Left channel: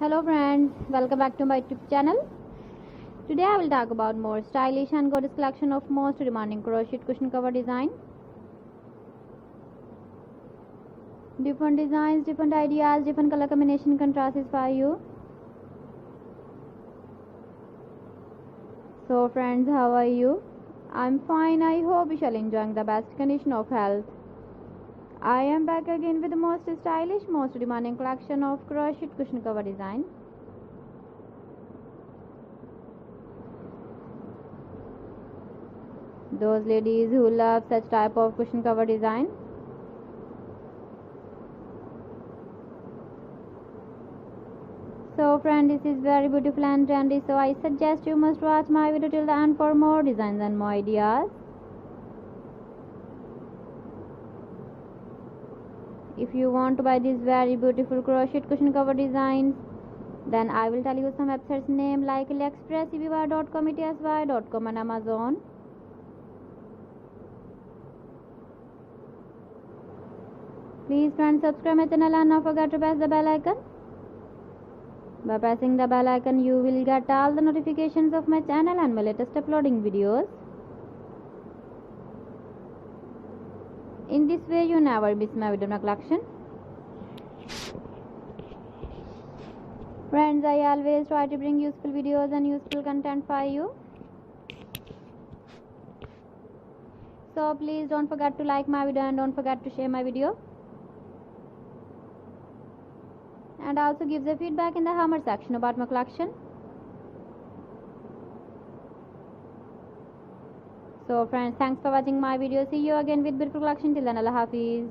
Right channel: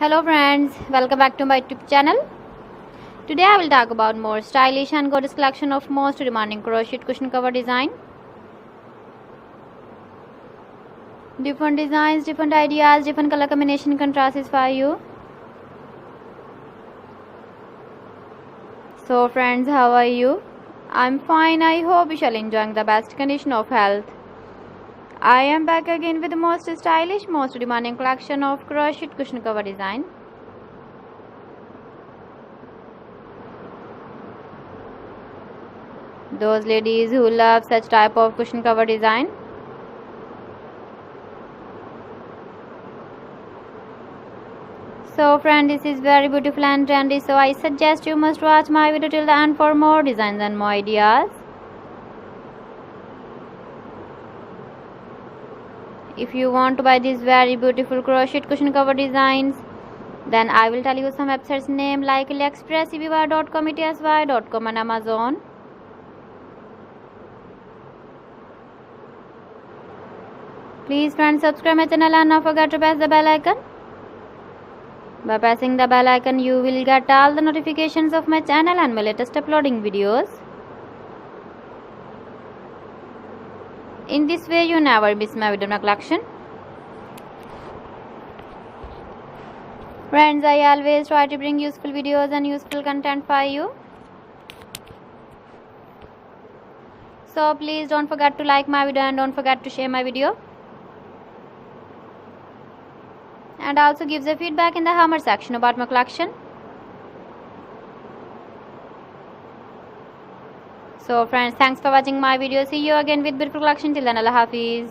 Hello friends, welcome back to my YouTube channel. Today I will talk about more stylish and gorgeous collection of most demanding crochet cushion cover design. Different designs, different ideas, different color combination contrasts for you. So friends, how are you? I'm fine. I hope you shall enjoying the best condition of health. I am back again with the most stylish, most demanding collection of crochet cushion cover design. Those ladies who love such type of cushion cover design. So friend, this is very beautiful and trendy, so I suggest you must watch my video till the end for more designs and more ideas. If you want to buy these very beautiful crochet cushion cover designs, then I will tell you some websites name like AliExpress, eBay.com, etsy.com and Amazon. Please friends, subscribe my channel and don't forget to press the bell icon. By pressing the bell icon, you will get all the notifications of my channel and my latest uploading videos. In this way, you never miss my video collection. Friends, I always try to bring useful videos and useful content for you. So please don't forget to like my video and don't forget to share my video. And also give the feedback in the comment section about my collection. So friends, thanks for watching my video. See you again with beautiful collection. Till then, Allah Hafiz.